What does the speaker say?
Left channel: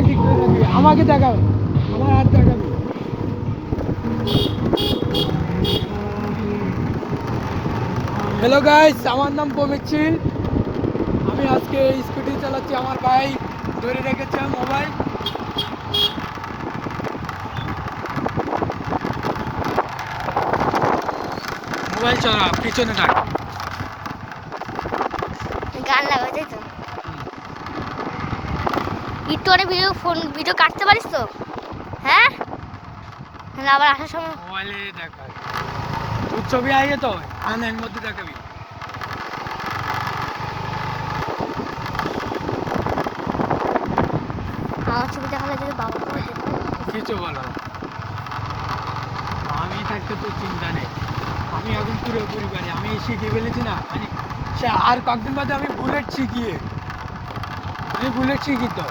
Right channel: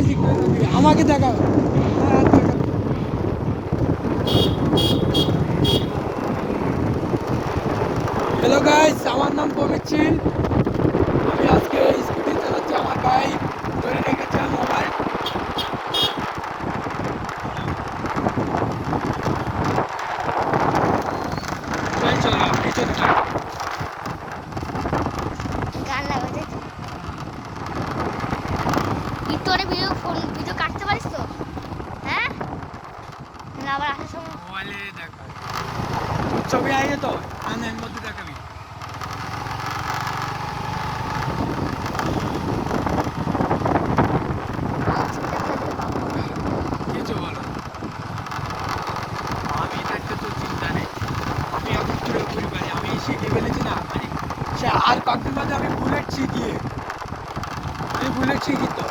Mobile শিখতে থাকবি, আমাকে দেখাবে, আমার হাত দেখাবে। হ্যালো গাইস, আমার নাম প্রমিত সিং। আমি আজকে স্কুটি চালাচ্ছি, আমার ভাই ধরে রেখেছে মোবাইল। মোবাইল চালা, পিছনে থাক। গান লাগাই তাই তো। একটু অনেক ভিডিও কাটতে পারিস তো? হ্যাঁ, না আবার আসার সময় মোবাইলে দেখা তোর ছবি আগে তো এর মধ্যে দেখাবি। আমার ছবি দেখলে যদি পাবো বলে। কিছু বলো, আমি থাকতে তোর চিন্তা নেই। আমি এখন পুরোপুরি পারি, আমি শিখিয়ে ফেলেছি না। আর কয়েকদিন বাদে আমি বুলেট শিখি তো।